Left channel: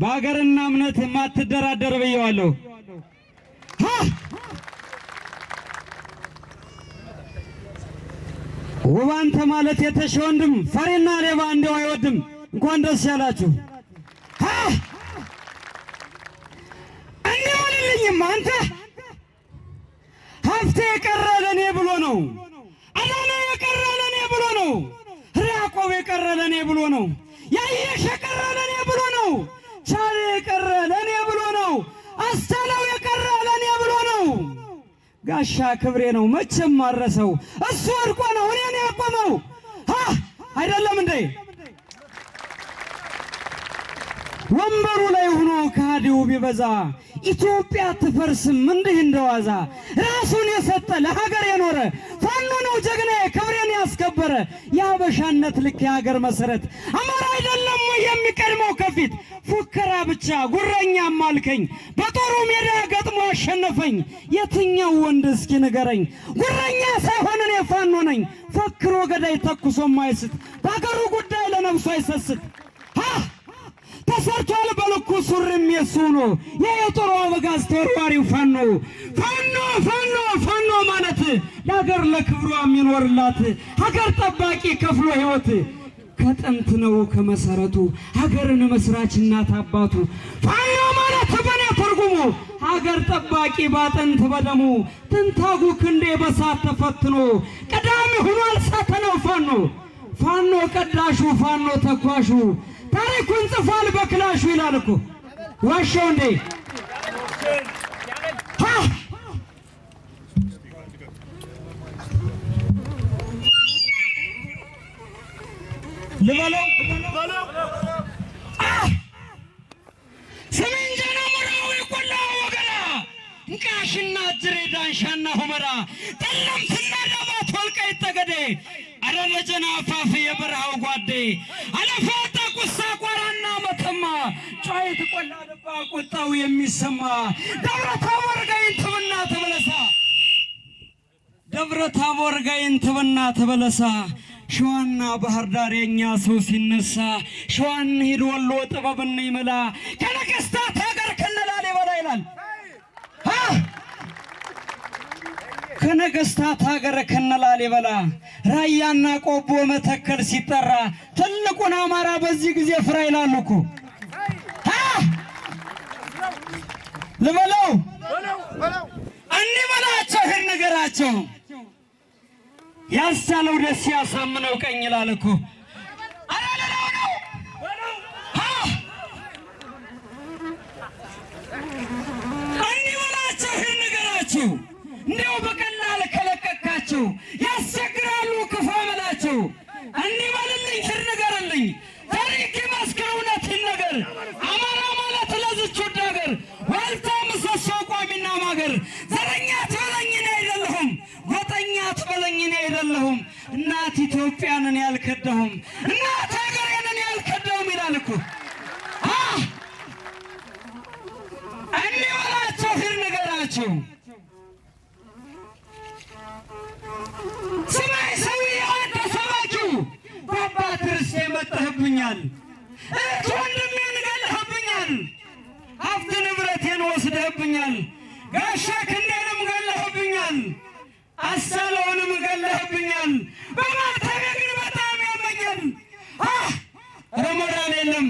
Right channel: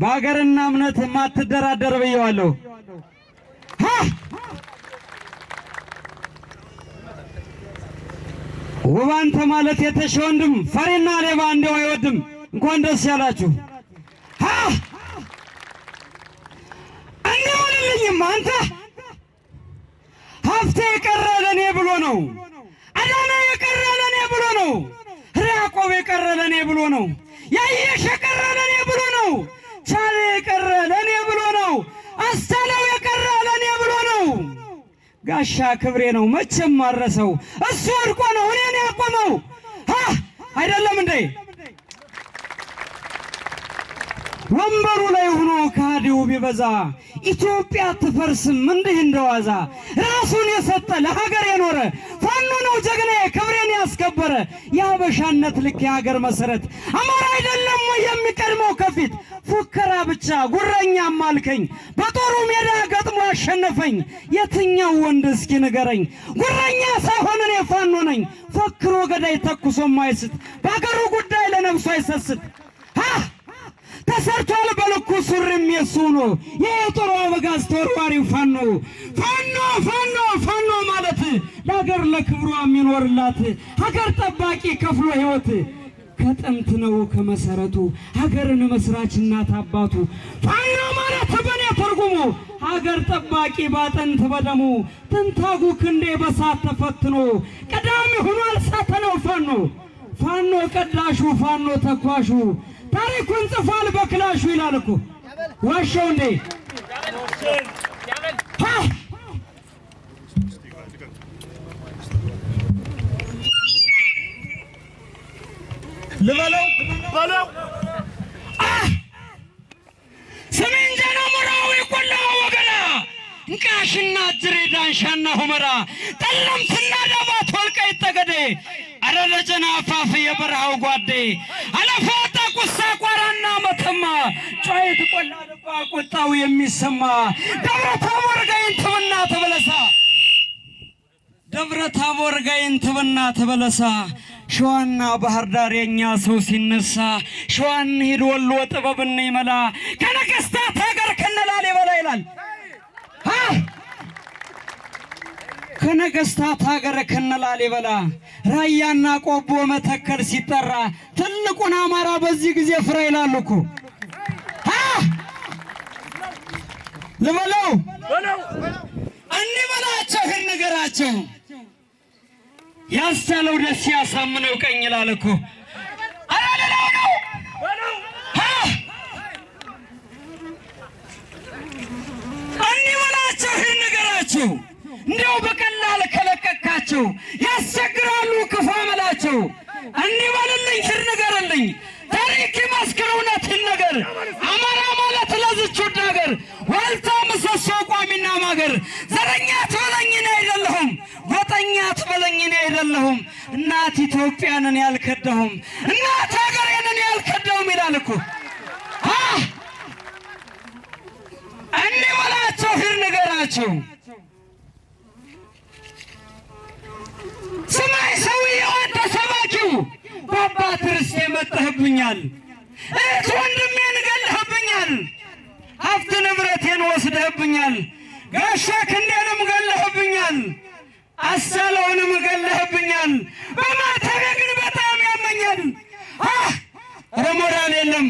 በአገርና እምነት ማትደራደር በየዋለሁ ውባንተ ማለት የተሽ ወንድም ፈሪና ሌባ እንደው አይወድም እንኳን ደስ ያላችሁ አንዴ አንተ ሀብቴ የቀረ ለኔ ብሎ ነው አዳነ የቀረ ለኔ ብሎ ነው ያዕቆብ የቀረ ለኔ ብሎ ነው ያየሽ የቀረ ለኔ ብሎ ነው ቻሌ የቀረ ለኔ ብሎ ነው አስተለው የቀረ ለኔ ብሎ ነው ጋሻ ክብሬ ነው መቼም ማረሰው እሱ ወድቆ ነው እኔን ያቆመው አይደለም እንዴ ወንበሩ ላይ ሆኖ ካዲው ቢበዛ ኢትዮጵያ ትፈርስም እንዲህ እንደዋዛ ራሱን የሰጠ ለሀገር የኖረ ፋኖ ነው ጀግና ክብሬን ያስከበረ ያበሻነት ልክ የሀገር መሰረት አማራ አይደለም ወይ የሚቀድመው ከፊት ፉከራ ብቻ ጉረኛ ማልከኝ በጦሩ ሜዳ ገጥሞ አሸነፈኝ የትኛው ወንድ እስኪ ንገረኝ ጉረኛ ሳይሆን እኔ ፋኖ ነኝ ፈክሮ ገዳይ ተኩሶ ማይስት በአገሩ ጉዳይ ለነፍሱ አይሰስት ተሰርቷል በልኩ ሱሪም የሱ ነው የጦሩ አበጋዝ ተወርዋሪው ፋኖ ፋኖ ፋኖ ፋኖ ማለት ለሀገር ለክብሯ የሚኖርላት ሀገር ጠባቂ ከፍሎ ህይወት ከጥንት ነው ከመሰረቱ ሀገርን መስራች እናት አባቱ ፋኖ ማለት በኔ ተርጉሙ ሀገር ጠባቂ ባጥንት በደሙ ትንታጉ ክንዴ በሳት ተፈትኖ ቀዳሚ ሆኗል ሳተነው ፋኖ ፋኖ ቀዳሹ ፋኖ ተኳሹ ታሪኩን ጽፏል በክላሹ ይላል እኮ ዋሻው እንዴ ልበለው ሰሜን ጀና ሙራው ይቆላው ወገላ እንቃሽና ድሬዳንሻና ሁመራ ጠለምትና ዳባት ወልቃይት ጠገዴ አረለጀና አፋፍ የበረሃው ጓዴ አለፋታ ቁሳ ቆራና መተማ ጫይት ቆላ ደባ ቁጣው የሚሰማ ደብረ ታቦር ጋይንት ብና ተበለሳ ደብረ ታቦር ጋይንት ብና ተበለሳ ሸዋና ባህር ዳር የኛ ሰው ሲነሳ ሸዋን ሄድ ወሎ ጥበብን ይመላ ከነገስታት ሀገር ከነላሊበላ ይላል ከነገስታት ሀገር ከነላሊበላ ራያና ቆቦ መተከል ሲጠራ ትልቁን አማራ በዚህ ጊዜ ፍራ ይላሉ እኮ ልበለው እንበላቸው ነገራቸው ያሳለው ደስ ያሳምነው ቀኝ ይላል እኮ አላለው ነው እንበላቸው ነገራቸው እንደው በቀላል ከለቀቃቸው ያስቸግራሉ ክፉ አመላቸው እንበልልኝ ስር ንገርልኝ ታሪክ መስክረውነት ነገር አማራ ማለት ለዚች ነገር ዋልታ ምሰሶ ቋሚና ማገር ዘረኛ ትበለኝ ነው አይደለሁም ጎጠኛ ትበለኝ ነው አይደለሁም እናት ኢትዮጵያንን ያልከደሁም እናት ሀገሬንን ያልከደሁም ይላል እኮ እንበላቸው ስር ንገራቸው ሰማይ ሰውዬው አንተ ሰማችሁ በአባት ርስቴ መጥተህብኛል እህት ወንድሜን ገለህብኛል ሀብት ንብረቴን ወስደህብኛል ጋሻ ክንዴንም ገለህብኛል አሳለውንም ገለህብኛል በማተቤ ግን በጣም ያመኛል ረመዳን የለም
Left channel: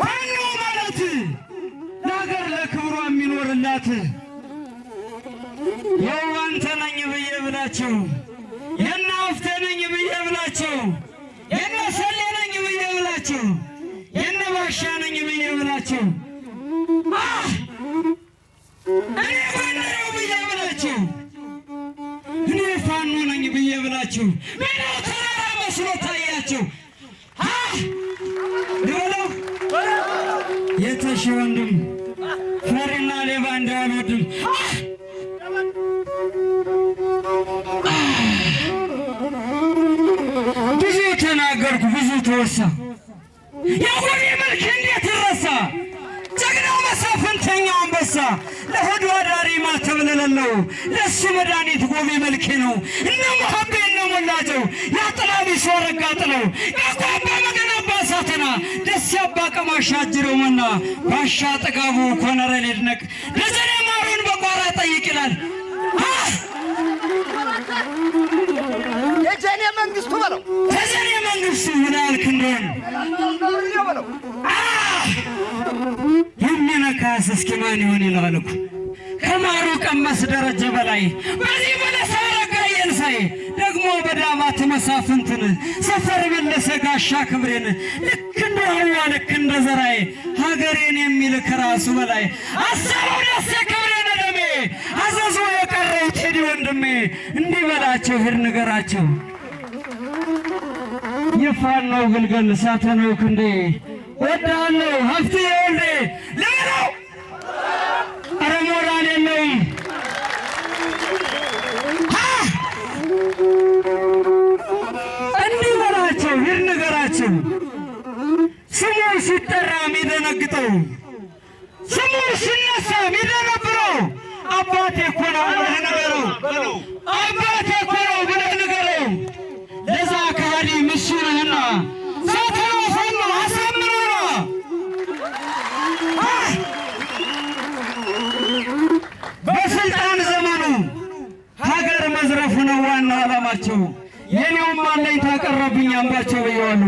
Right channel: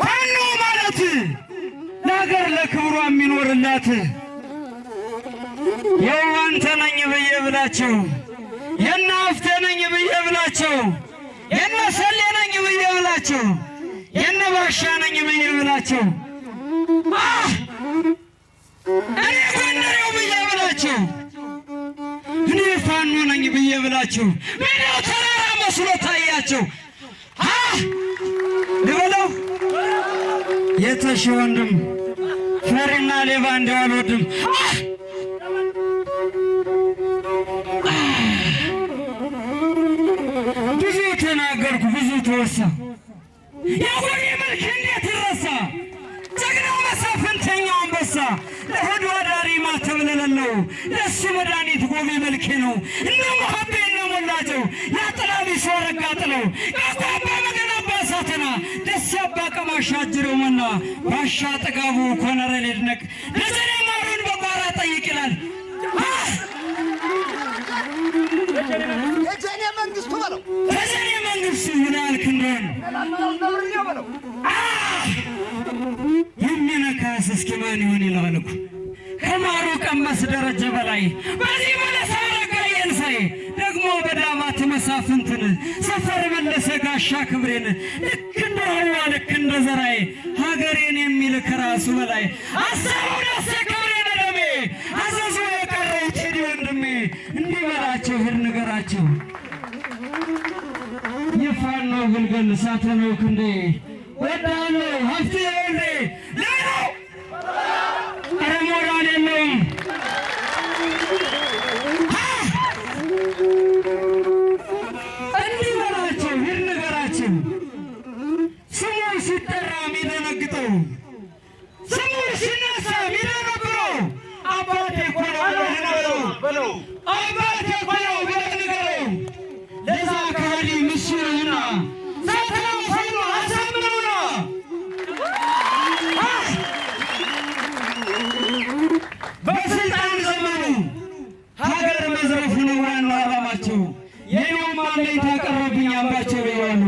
ፋኖ ማለት ለሀገር ለክብሯ የሚኖርላት የዋንተ ነኝ ብዬ ብላችሁ የናፍተ ነኝ ብዬ ብላችሁ የነሰሌ ነኝ ብዬ ብላችሁ የነባሻ ነኝ ብዬ ብላችሁ እኔ ጎንደሬው ብዬ ብላችሁ እኔ ፋኖ ነኝ ብዬ ብላችሁ ምነው ተራራ መስሎ ታያችሁ ልበለው የተሽ ወንድም ፈሪና ሌባ እንደው አልወድም ብዙ ተናገርኩ ብዙ ተወሳ የወሬ መልክ እንዴት ረሳ ጀግናው መሳፍንተኛው አንበሳ ለሆዱ አዳሪ ማተብለለው ለሱ መድኃኒት ጎቢ መልክ ነው እነ መሐቤ እነ ሞላቸው ያጥላቢ ሶረጋ ጥለው ያቋባ መገናባ ሳታ ቀማሻ አጅሬውና ባሻ ጥጋቡ ኮነረል ይድነቅ ለዘኔ ማሩን በቋራ ጠይቅ ይላል። የጀኔ መንግስቱ በለው የጀኔ መንግስቱ ይላል ክንዶን የሚነካስ እስኪ ማን ይሆን ይላል እኮ ከማሩ ቀመስ ደረጀ በላይ በዚህ በለሳረጋ የንሳይ ደግሞ በዳባት መሳፍንትን ሰፈር መለሰ ጋሻ ክብሬን ልክ እንደ ሐዋ ልክ እንደ ዘራይ ሀገሬን የሚል ከራሱ በላይ አሰበው ደስ ክብሬን ደሜ አዘዞ የቀረው ቴዲ ወንድሜ እንዲህ በላቸው ሂድ ንገራቸው የፋኖ ግልገል ሳተነው ክንዴ ወዳለው ሀፍቴ ወንዴ ለለው አረ ሞራል የለውም እንዲህ በላቸው ሂድ ንገራቸው ስሙ ሲጠራ የሚደነግጠው ስሙ ሲነሳ የሚደነብረው አባቴ እኮ ነው በለው አባቴ እኮ ነው ብለህ ንገረው ለዛ ካሊ ምስሉና ሳተናው ፋኖ አሳምነውና በስልጣን ዘመኑ ሀገር መዝረፍ ነው ዋናው ዓላማቸው። የኔውም አለኝ ታቀረብኝ አምባቸው ይዋሉ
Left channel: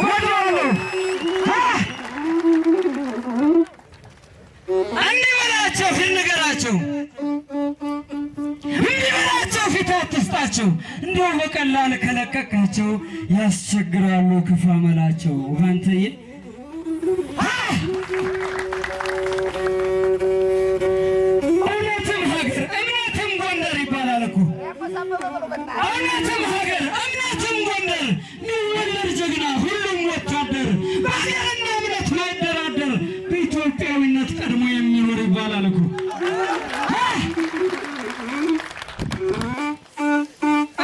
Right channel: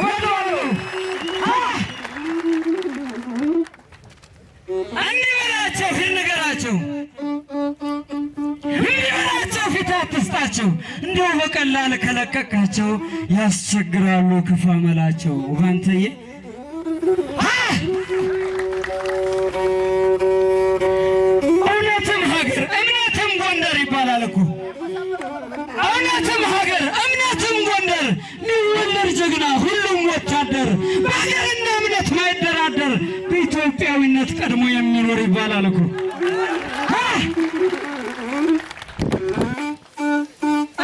ወደዋሉ እንዲህ በላቸው ፊት ንገራቸው እንዲህ በላቸው ፊት አትስጣቸው እንዲሁ በቀላል ከለቀቃቸው ያስቸግራሉ ክፉ አመላቸው ውሃንተዬ እውነትም ሀገር እምነትም ጎንደር ይባላል እኮ እውነትም ሀገር እምነትም ጎንደር ሚወለድ ጀግና ሁሉም ወታደር በሀገርና እምነት ማይደራደር በኢትዮጵያዊነት ቀድሞ የሚኖር ይባላል እኮ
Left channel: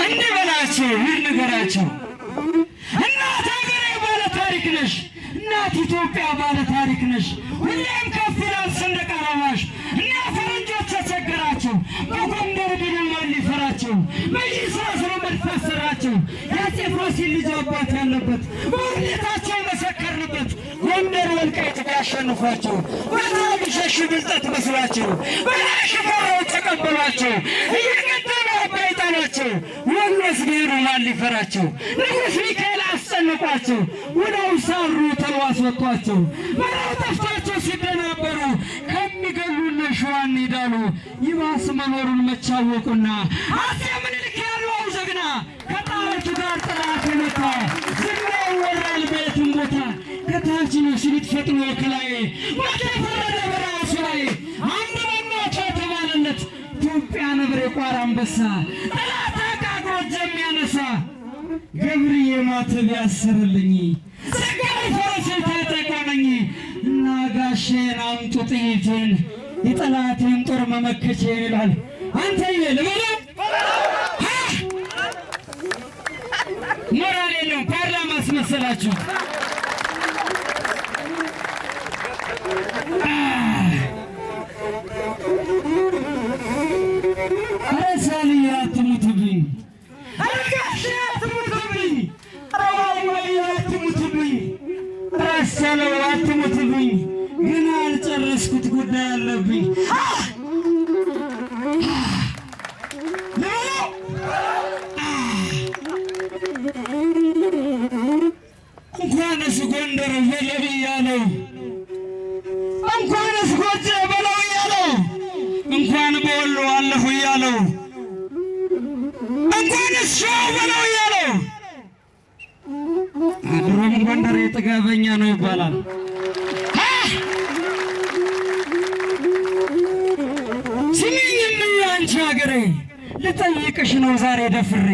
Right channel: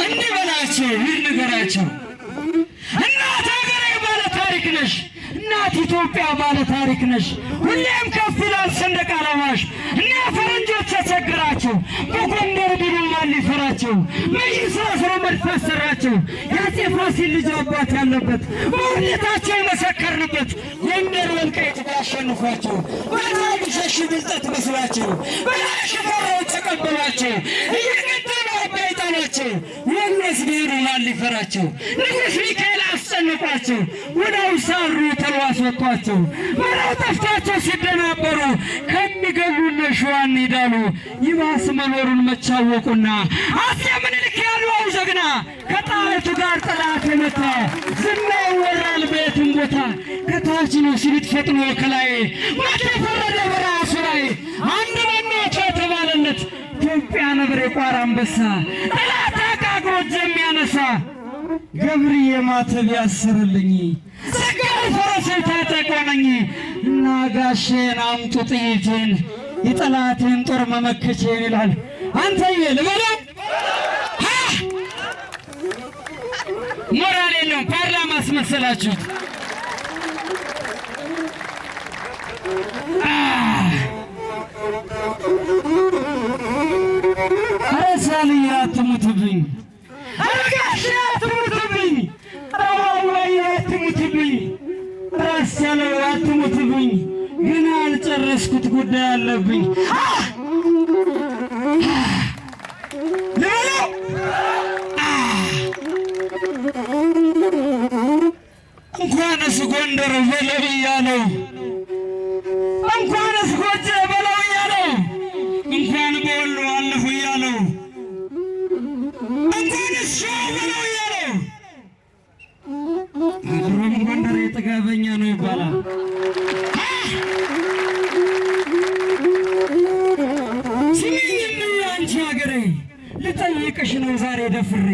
እንዲህ በላቸው ሂድ ንገራቸው እናት ሀገሬ ባለ ታሪክ ነሽ እናት ኢትዮጵያ ባለ ታሪክ ነሽ ሁሌም ከፍ ይላል ሰንደቅ ዓላማሽ እና ፈረንጆች ተቸገራቸው በጎንደር ቢሉ ማን ሊፈራቸው በይሳፍሮ መድፈሰራቸው የአፄ ፋሲል ልጅ አባት ያለበት በውርደታቸው መሰከርንበት ጎንደር ወልቃይት ያሸንፏቸው በራሪ ሸሽ ብልጠት መስሏቸው በላይ ሽፈራው ተቀበሏቸው እየገደሉ አባይ ጣሏቸው ወሎስ ብሔሩ ማን ሊፈራቸው ንጉሥ ሚካኤል አስጨነቋቸው ወዳው ሳሩ ተዋስወጧቸው መራው ጠፍታቸው ሲደናበሩ ከሚገሉን ሸዋን ይዳሉ ይባስ መኖሩን መቻወቁና አፄ ምኒልክ ያለው ጀግና ከጣሊቱ ጋር ጠላት የመታ ዝናው ወራል ቤቱን ቦታ ከታች ነው ሲሉት ፈጥኖ ከላይ ማደ ፈረደ በራሱ ላይ አንድ የሚያቻ ተባለለት ኢትዮጵያ ነብር የቋራ አንበሳ ጠላት አጋግሮት የሚያነሳ ገብርዬ ማተብ ያሰርልኝ ዘጋር ፈረሱን ታጠቆነኝ እና ጋሼን አምጡ ጥይቴን የጠላቴን ጦር መመከቼን ይላል። አንተዬ ልበለው ሞራል የለውም ፓርላማ አስመሰላችሁ። ኧረ ሳልዬ አትሙትብኝ፣ ኧረ ጋሼ አትሙትብኝ፣ ኧረ ዋዋዬ አትሙትብኝ፣ ኧረ አስቻለው አትሙትብኝ፣ ግን አልጨረስኩት ጉዳይ አለብኝ። እንኳንስ ጎንደር በለው እያለው እንኳንስ ጎጄ በለው እያለው እንኳን በወሎ አለሁ እያለው እንኳንስ ሸዋ በለው እያለው አድሮም ጎንደር የጥጋበኛ ነው ይባላል። ስሚኝም አንቺ ሀገሬ ልጠይቅሽ ነው ዛሬ ደፍሬ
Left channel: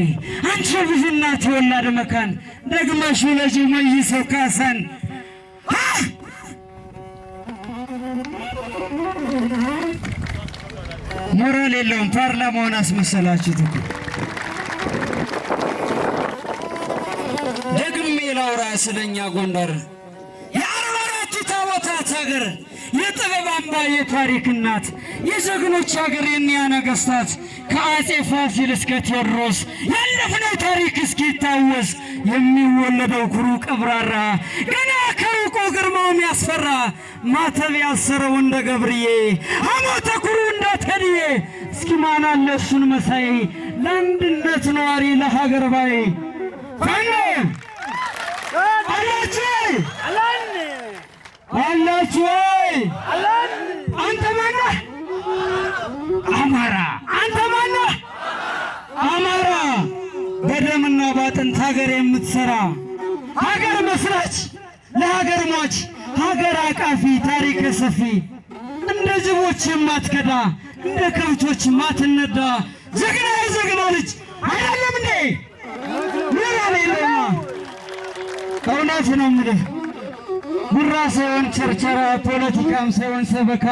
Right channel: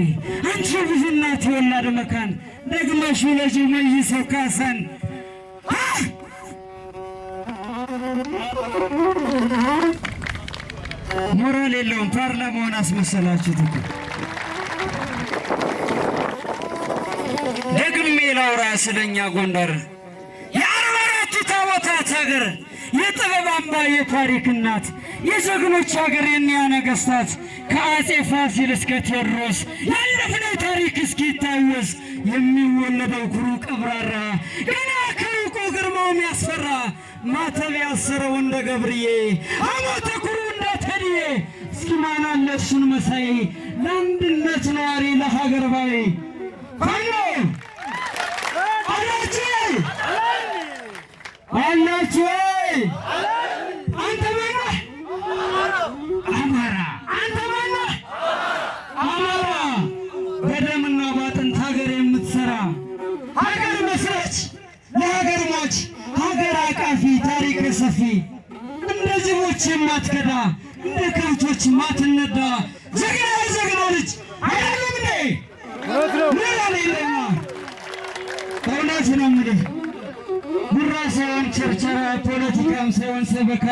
አንቺ ብዙና ተወላድ መካን ደግመሽ ለጂ መይሰው ካሳን ሞራል የለውም ፓርላማውን አስመሰላችሁት እኮ። ደግሜ ላውራ ስለኛ ጎንደር የአርባ አራቱ ታቦታት ሀገር የጥበብ አምባ የታሪክ እናት የጀግኖች ሀገር የኒያ ነገሥታት ከአፄ ፋሲል እስከ ቴዎድሮስ ያለፍነው ታሪክ እስኪታወስ የሚወለደው ኩሩ ቀብራራ ገና ከሩቁ ግርማውን ያስፈራ ማተብ ያሰረው እንደ ገብርዬ አሞተ ኩሩ እንደ ቴዲዬ እስኪ ማን አለ እሱን መሳይ ለአንድነት ነዋሪ ለሀገር ባይ ፋኖ አላችሁ አንተ ማነህ? አማራ። አንተ ማነህ? አማራ። በደምና ባጥንት ሀገር የምትሰራ ሀገር መስራች ለሀገር ሟች ሀገር አቃፊ ታሪክ ሰፊ እንደ ጅቦች የማትከዳ እንደ ከብቶች ማትነዳ ጀግና ልጅ አይደለም እንዴ? ምን ያለኝማ እውነት ነው የምልህ ጉራ ሳይሆን ቸርቸራ ፖለቲካም ሳይሆን ሰበካ